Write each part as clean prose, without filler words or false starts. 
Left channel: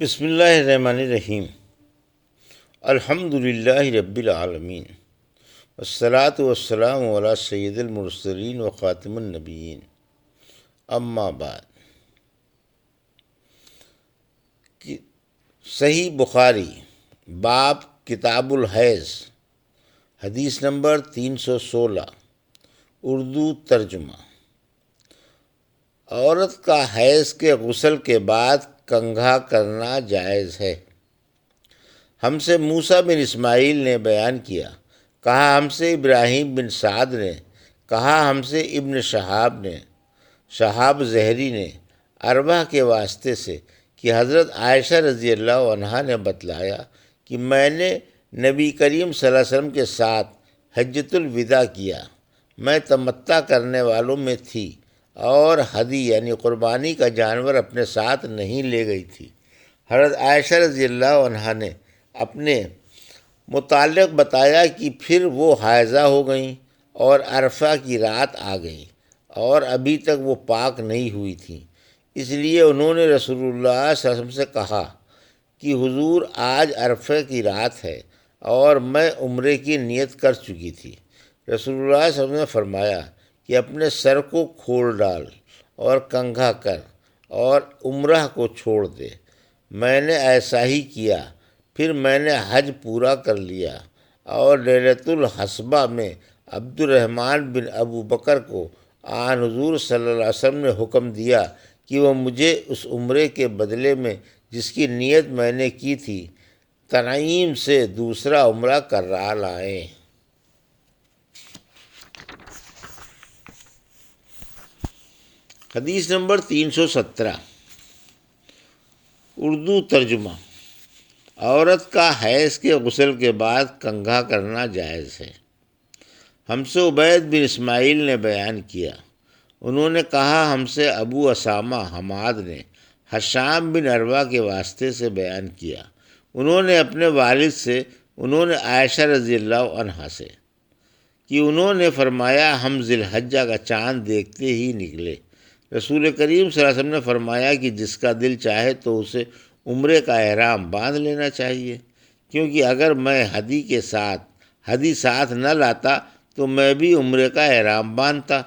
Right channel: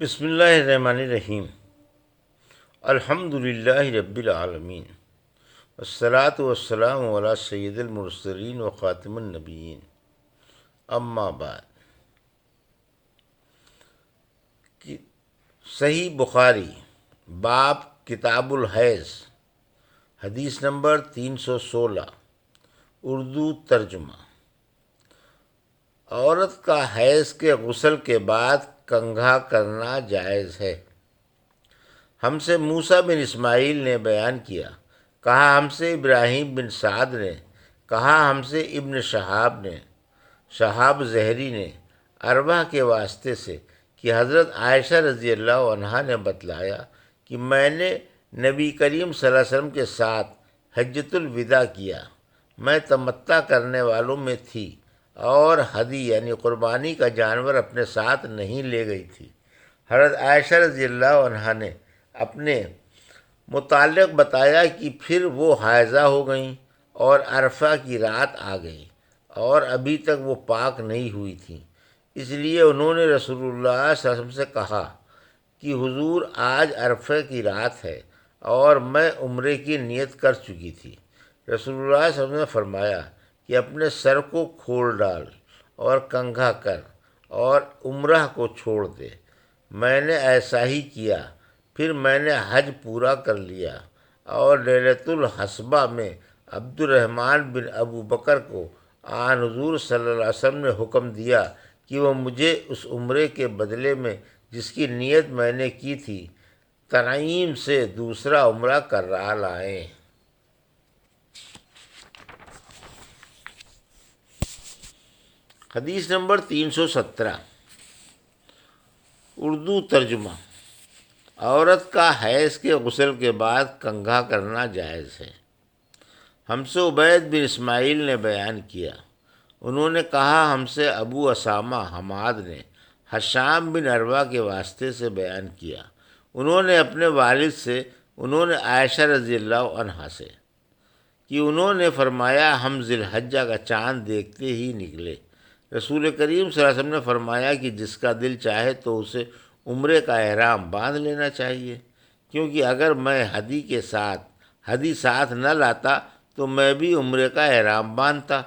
بسم اللہ الرحمن الرحیم۔ الحمد للہ رب العالمین، والصلاة والسلام علی سید المرسلین و خاتم النبیین، اما بعد۔ صحیح بخاری، باب کتاب الحیض، حدیث نمبر 316، اردو ترجمہ۔ عورت کا حیض کے غسل کے بعد کنگھا کرنا جائز ہے۔ ہم سے موسیٰ بن اسماعیل نے بیان کیا، کہا ہم سے ابراہیم بن سعد نے، کہا ہم سے ابن شہاب زہری نے اربع کے واسطے سے کہ حضرت عائشہ رضی اللہ عنہا نے بتلایا کہ میں نے نبی کریم صلی اللہ علیہ وسلم کے ساتھ حجۃ الوداع کیا۔ میں تمتع کرنے والوں میں تھی اور ہدی یعنی قربانی کا جانور اپنے ساتھ نہیں لے گئی تھی۔ حضرت عائشہ رضی اللہ عنہا نے اپنے متعلق بتایا کہ پھر وہ حائضہ ہو گئیں اور عرفہ کی رات آ گئی اور ابھی تک وہ پاک نہیں ہوئی تھیں، اس لیے انہوں نے رسول اللہ صلی اللہ علیہ وسلم سے کہا کہ حضور آج عرفہ کی رات ہے اور میں عمرے کی نیت کر چکی تھی۔ رسول اللہ صلی اللہ علیہ وسلم نے فرمایا کہ اپنے سر کو کھول ڈال اور کنگھا کر اور عمرہ کو چھوڑ دے۔ میں نے ایسا ہی کیا، پھر میں نے حج پورا کر لیا اور لیلۃ الحصبہ میں عبد الرحمن بن ابو بکر کو آن حضور صلی اللہ علیہ وسلم نے حکم دیا کہ وہ مجھے اس عمرے کے بدلے میں جس کی نیت میں نے کی تھی تنعیم سے دوسرا عمرہ کرا لائیں۔ حدیث نمبر 317، اردو ترجمہ۔ عورت کا حیض کے غسل کے بعد کنگھا کرنا جائز ہے۔ ہم سے عبید بن اسماعیل نے بیان کیا، انہوں نے کہا ہم سے ابو اسامہ حماد نے حشام بن عروہ کے واسطے سے بیان کیا، انہوں نے اپنے والد سے، انہوں نے عائشہ رضی اللہ عنہا سے کہ انہوں نے فرمایا ہم ذی الحجہ کا چاند دیکھتے ہی نکلے۔ رسول کریم صلی اللہ علیہ وسلم نے فرمایا کہ جس کا دل چاہے تو اسے عمرے کا احرام باندھ لینا چاہیے، کیونکہ اگر میں ہدی ساتھ نہ لاتا تو میں بھی عمرے کا احرام باندھتا۔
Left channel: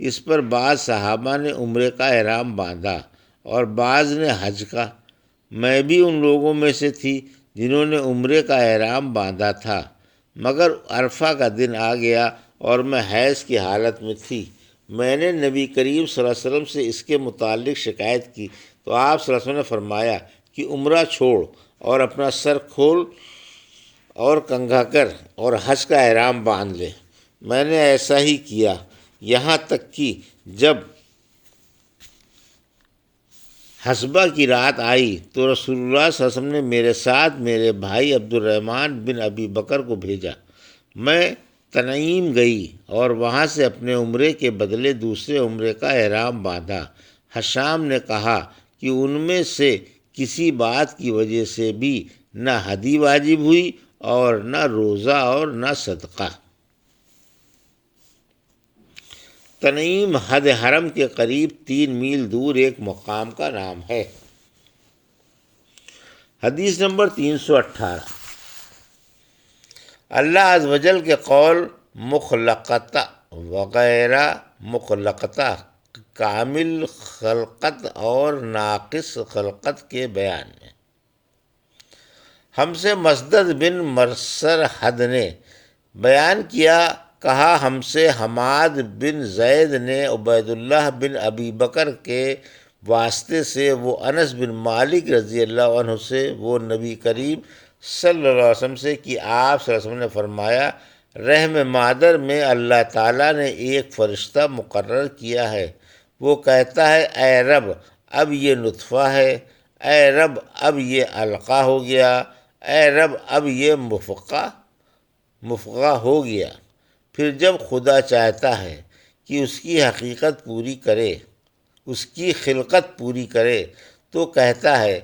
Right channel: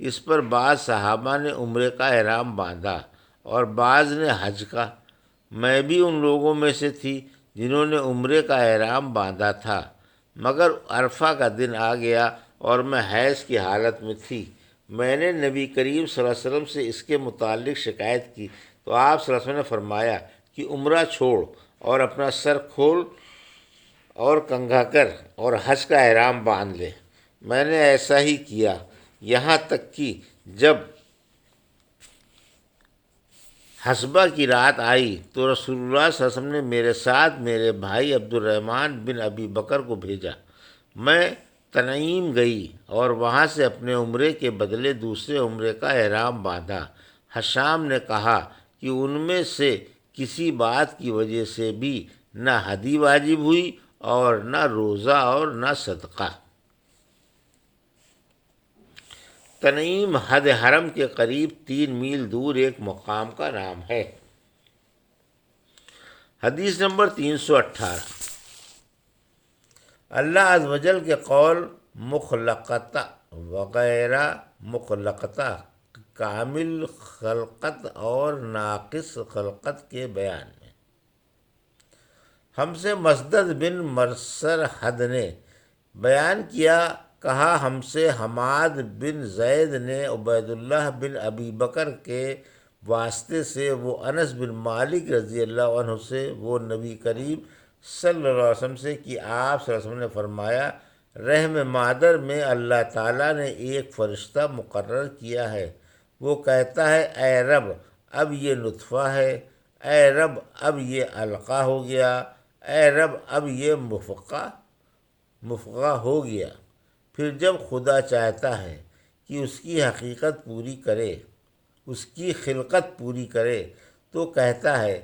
اس پر بعض صحابہ نے عمرے کا احرام باندھا اور بعض نے حج کا۔ میں بھی ان لوگوں میں سے تھی جنہوں نے عمرے کا احرام باندھا تھا، مگر عرفہ کا دن آ گیا اور میں حیض کی حالت میں تھی۔ میں نے نبی کریم صلی اللہ علیہ وسلم سے اس کے متعلق شکایت کی تو آپ صلی اللہ علیہ وسلم نے فرمایا کہ عمرہ چھوڑ اور اپنا سر کھول اور کنگھا کر اور حج کا احرام باندھ لے۔ میں نے ایسا ہی کیا، یہاں تک کہ جب حصبہ کی رات آئی تو رسول اللہ صلی اللہ علیہ وسلم نے میرے ساتھ میرے بھائی عبد الرحمن بن ابی بکر کو بھیجا۔ میں تنعیم گئی اور وہاں سے اپنے عمرے کے بدلے دوسرے عمرے کا احرام باندھا۔ حشام نے کہا کہ ان میں سے کسی بات کی وجہ سے بھی نہ ہدی واجب ہوئی اور نہ روزہ اور نہ صدقہ۔ تنعیم حد حرم کے قریب 3 میل دور ایک مقام کا نام ہے۔ حدیث نمبر 318، اللہ عز و جل کے قول مخلقتہ وغیرہ مخلقتہ، کامل خلقت اور ناقص خلقت کے بیان میں۔ ہم سے مسدد بن مرسر حد نے بیان کیا، کہا ہم سے حماد بن زید نے عبید اللہ بن ابی بکر کے واسطے سے وہ انس بن مالک رضی اللہ عنہ سے وہ نبی کریم صلی اللہ علیہ وسلم سے کہ آپ صلی اللہ علیہ وسلم نے فرمایا رحم مادر میں اللہ تعالیٰ نے ایک فرشتہ مقرر کیا ہے، وہ کہتا ہے اے رب اب یہ نطفہ ہے، اے رب اب یہ علقہ ہو گیا، اے رب اب یہ مفقہ ہو گیا۔ پھر جب خدا چاہتا ہے کہ اس کی حقیقت پوری کرے، اس کی خلقت پوری کرے تو کہتا ہے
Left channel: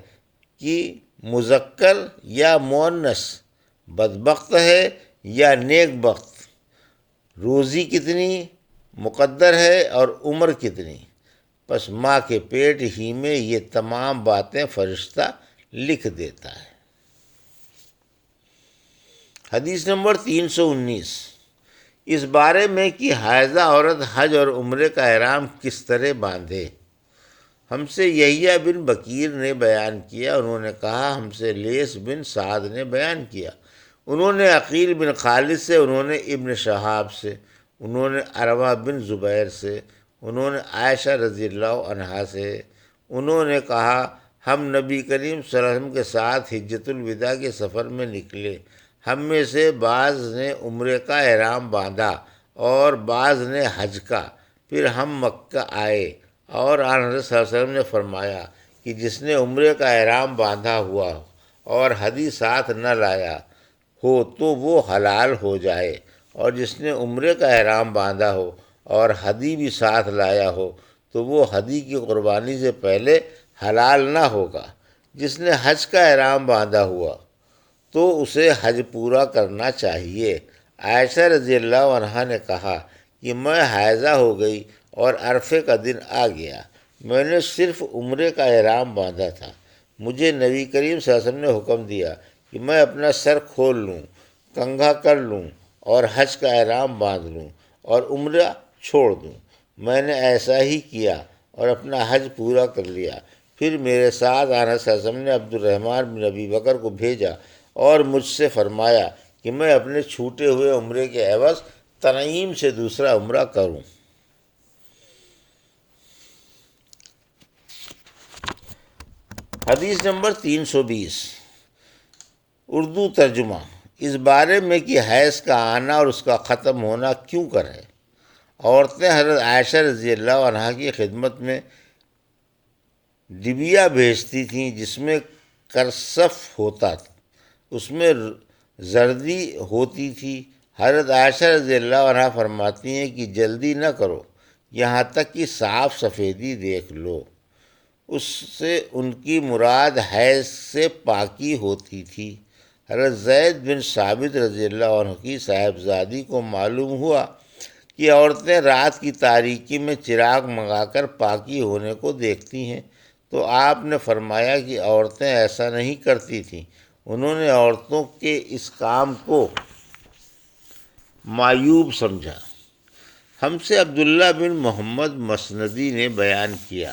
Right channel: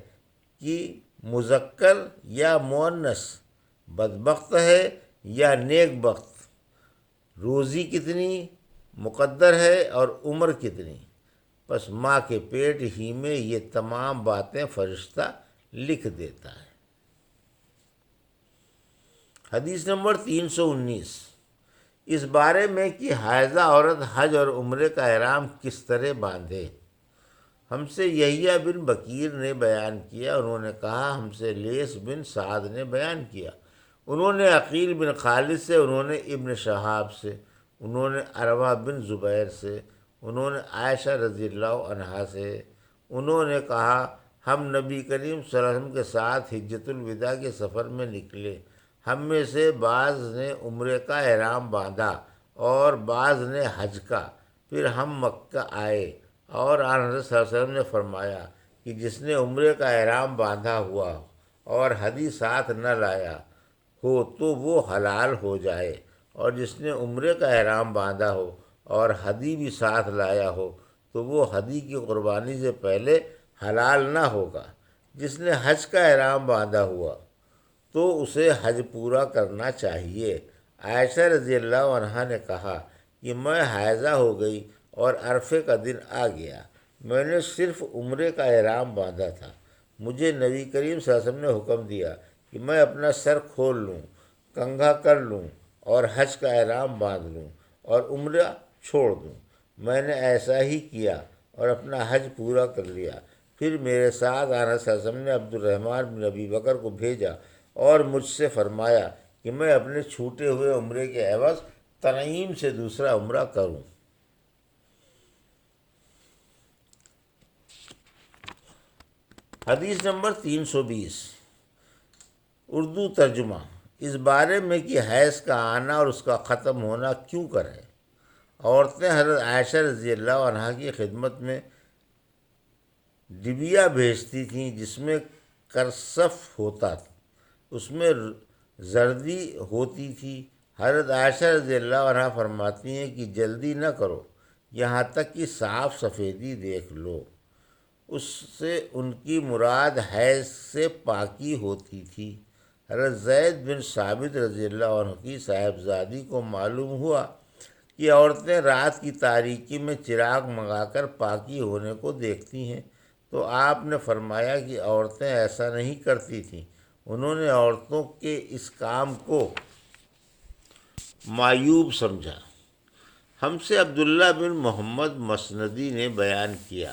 کہ مذکر یا مؤنث، بدبخت ہے یا نیک بخت، روزی کتنی مقدر ہے اور عمر کتنی۔ پس ماں کے پیٹ ہی میں یہ تمام باتیں فرشتہ لکھ دیتا ہے۔ حدیث نمبر 319، اس بارے میں کہ حائضہ عورت حج اور عمرے کا احرام کس طرح باندھے۔ ہم سے یحییٰ بن بکیر نے بیان کیا، انہوں نے کہا ہم سے لیث بن سعد نے بیان کیا، انہوں نے عقیل بن خالد سے، انہوں نے ابن شہاب سے، انہوں نے عروہ بن زبیر سے، انہوں نے عائشہ رضی اللہ عنہا سے، انہوں نے کہا ہم نبی کریم صلی اللہ علیہ وسلم کے ساتھ حجۃ الوداع کے سفر میں نکلے، ہم میں سے بعض نے عمرے کا احرام باندھا اور بعض نے حج کا، پھر ہم مکہ آئے اور آن حضرت صلی اللہ علیہ وسلم نے فرمایا کہ جس نے عمرے کا احرام باندھا ہوا اور ہدی ساتھ نہ لایا ہو تو وہ حلال ہو جائے، اور جس نے عمرے کا احرام باندھا ہو اور ہدی بھی ساتھ لایا ہو تو وہ ہدی کی قربانی سے پہلے حلال نہ ہوگا۔ جس نے حج کا احرام باندھا ہوا تو اسے حج پورا کرنا چاہیے۔ عائشہ رضی اللہ عنہا نے کہا کہ میں حائضہ ہو گئی اور عرفے کا دن آ گیا، میں نے صرف عمرے کا احرام باندھا تھا، مجھے نبی کریم صلی اللہ علیہ وسلم نے حکم دیا کہ میں اپنا سر کھول لوں، کنگھا کر لوں اور حج کا احرام باندھ لوں اور عمرہ چھوڑ دوں۔ میں نے ایسا ہی کیا اور اپنا حج پورا کر لیا۔ پھر میرے ساتھ آنا صلی اللہ علیہ وسلم نے عبد الرحمن بن ابی بکر کو بھیجا اور مجھ سے فرمایا کہ میں اپنے چھوٹے ہوئے عمرے کے عوض تنعیم سے دوسرا عمرہ کروں۔ حدیث نمبر 320، اردو ترجمہ، اس بارے میں کہ حیض کا آنا اور اس کا ختم ہونا کیوں کرے۔ عورتیں حضرت عائشہ رضی اللہ عنہا کی خدمت میں ڈبیا بھیجتی تھیں جس میں کرسف ہوتا تھا، اس میں زردی ہوتی تھی۔ حضرت عائشہ رضی اللہ عنہا فرماتی ہیں کہ جلدی نہ کرو یہاں تک کہ صاف سفیدی دیکھ لو۔ اس سے ان کی مراد حیض سے پاکی ہوتی تھی۔ حضرت زید بن ثابت رضی اللہ عنہ کی صاحبزادی کو معلوم ہوا کہ عورتیں رات کی تاریکی میں چراغ منگا کر پاکی ہونے کو دیکھتی ہیں، تو آپ نے فرمایا کہ عورتیں ایسا نہیں کرتی تھیں۔ انہوں نے عورتوں کے اس کام کو معیوب سمجھا۔ ہم سے عبداللہ بن محمد مسندی نے بیان کیا،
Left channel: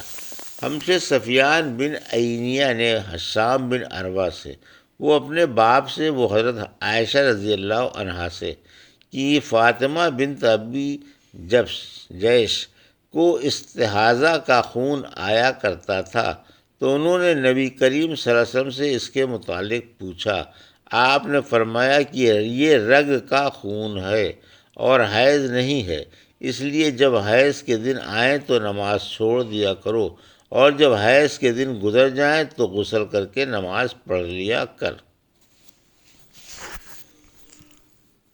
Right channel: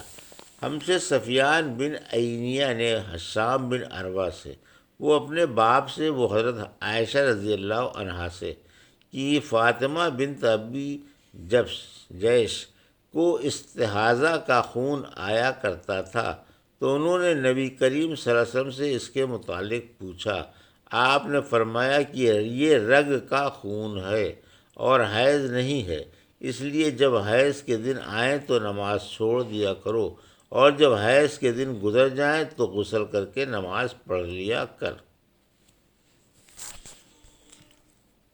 ہم سے سفیان بن عینیہ نے حشام بن عروہ سے، وہ اپنے باپ سے، وہ حضرت عائشہ رضی اللہ عنہا سے کہ فاطمہ بنت ابی جیش کو استحاضہ کا خون آیا کرتا تھا، تو انہوں نے نبی کریم صلی اللہ علیہ وسلم سے اس کے متعلق پوچھا۔ آپ نے فرمایا کہ یہ رگ کا خون ہے اور حیض نہیں ہے، اس لیے جب حیض کے دن آئیں تو نماز چھوڑ دیا کرو، اور جب حیض کے دن گزر جائیں تو غسل کر کے نماز پڑھ لیا کر۔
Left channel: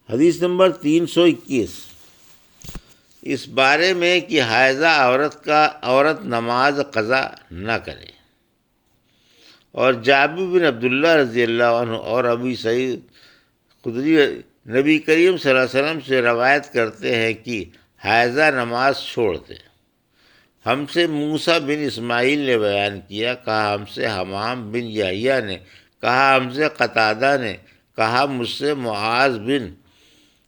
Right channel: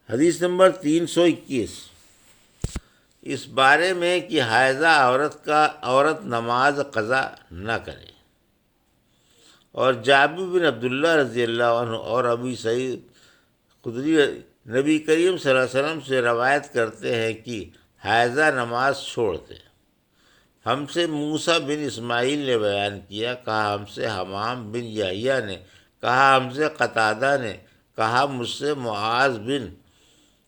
حدیث نمبر 321، اس بارے میں کہ حائضہ عورت نماز قضا نہ کرے۔ اور جابر بن عبداللہ رضی اللہ عنہ اور ابی سعید خدری نبی کریم صلی اللہ علیہ وسلم سے روایت کرتے ہیں کہ حائضہ نماز چھوڑ دے۔ ہم سے موسیٰ بن اسماعیل نے بیان کیا، کہا ہم سے حمام بن یحییٰ نے، کہا ہم سے قتادہ نے، کہا مجھ سے معاذ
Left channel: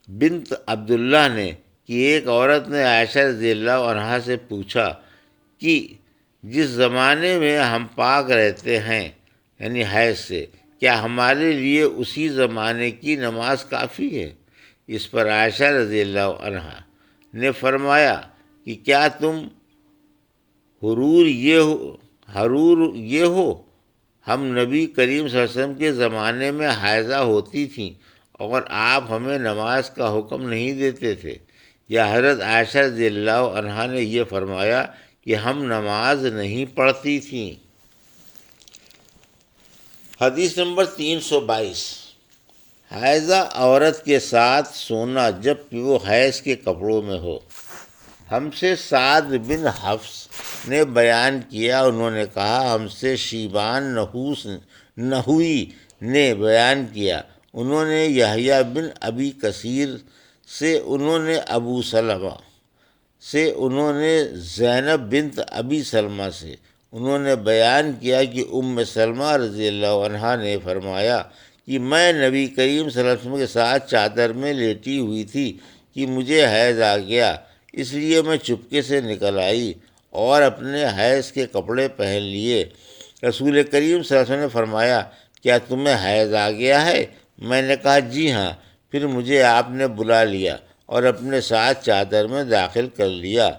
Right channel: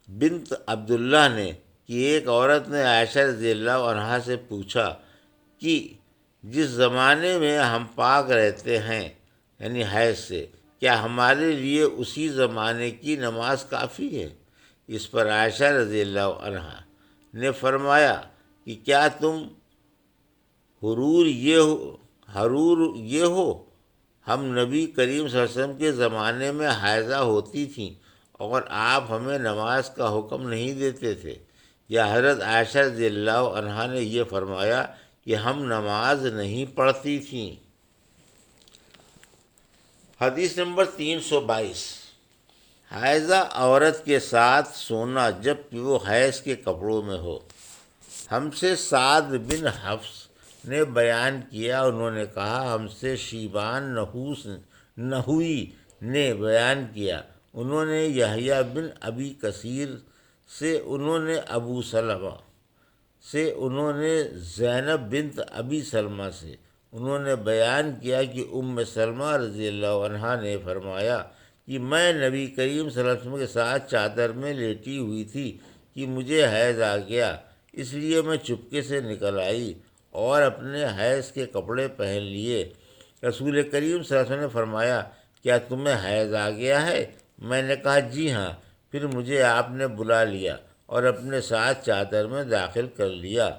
بنت عبداللہ نے کہ ایک عورت نے عائشہ رضی اللہ عنہا سے پوچھا کہ جس زمانے میں ہم پاک رہتے ہیں یعنی حیض سے، کیا ہمارے لیے اسی زمانے کی نماز کافی ہے؟ اس پر عائشہ رضی اللہ عنہا نے فرمایا کہ کیا تم حرور یہ ہو، ہم نبی کریم صلی اللہ علیہ وسلم کے زمانے میں حائضہ ہوتی تھیں اور آپ ہمیں نماز کا حکم نہیں دیتے تھے؟ یا حضرت عائشہ رضی اللہ عنہا نے یہ فرمایا کہ ہم نماز نہیں پڑھتی تھیں۔ حدیث نمبر 322، حائضہ عورت کے ساتھ سونا جب کہ وہ حیض کے کپڑوں میں ہو۔ ہم سے سعد بن حفص نے بیان کیا، انہوں نے کہا ہم سے شیبان نحوی نے بیان کیا، انہوں نے یحییٰ بن ابی کثیر سے، انہوں نے ابو سلمہ سے، انہوں نے زینب بنت ابی سلمہ سے، انہوں نے بیان کیا کہ سلمہ رضی اللہ عنہا نے فرمایا کہ میں نبی کریم صلی اللہ علیہ وسلم کے ساتھ چادر میں لیٹی ہوئی تھی کہ مجھے حیض آ گیا، اس لیے میں چپکے سے نکل آئی اور اپنے حیض کے کپڑے پہن لیے۔ رسول کریم صلی اللہ علیہ وسلم نے فرمایا، کیا تمہیں حیض آ گیا ہے؟ میں نے کہا جی ہاں۔ پھر مجھے آپ نے بلا لیا اور اپنے ساتھ چادر میں داخل کر لیا۔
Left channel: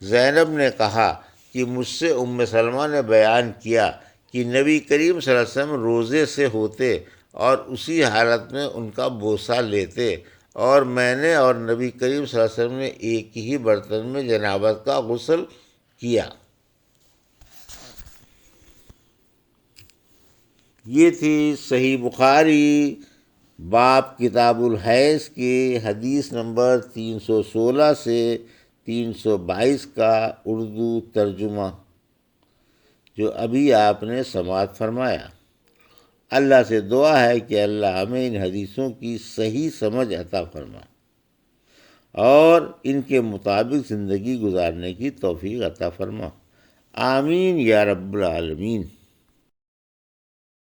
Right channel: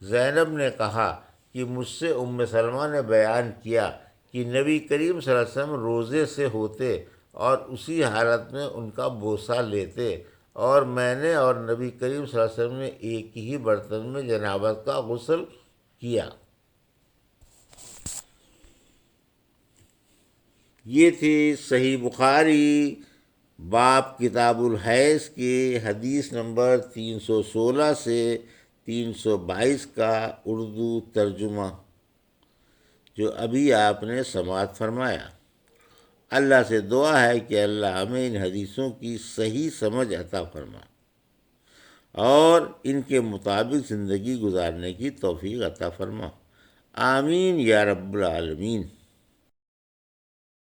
زینب نے کہا کہ مجھ سے سلمہ نے بیان کیا کہ نبی کریم صلی اللہ علیہ وسلم روزے سے ہوتے اور اسی حالت میں ان کا بوسہ لیتے، اور میں نے اور نبی کریم صلی اللہ علیہ وسلم نے ایک ہی برتن میں جنابت کا غسل کیا۔ یہ تھی صحیح بخاری باب کتاب الحیض کے حدیث نمبر 316 سے 322 کا اردو ترجمہ جو ابھی آپ نے سماعت فرمایا۔ اللہ سے دعا ہے کہ اللہ ہمیں ان حدیثوں کی صحیح سمجھ عطا فرما اور ان کے مطابق زندگی گزارنے کی توفیق عطا فرما، آمین یا رب العالمین۔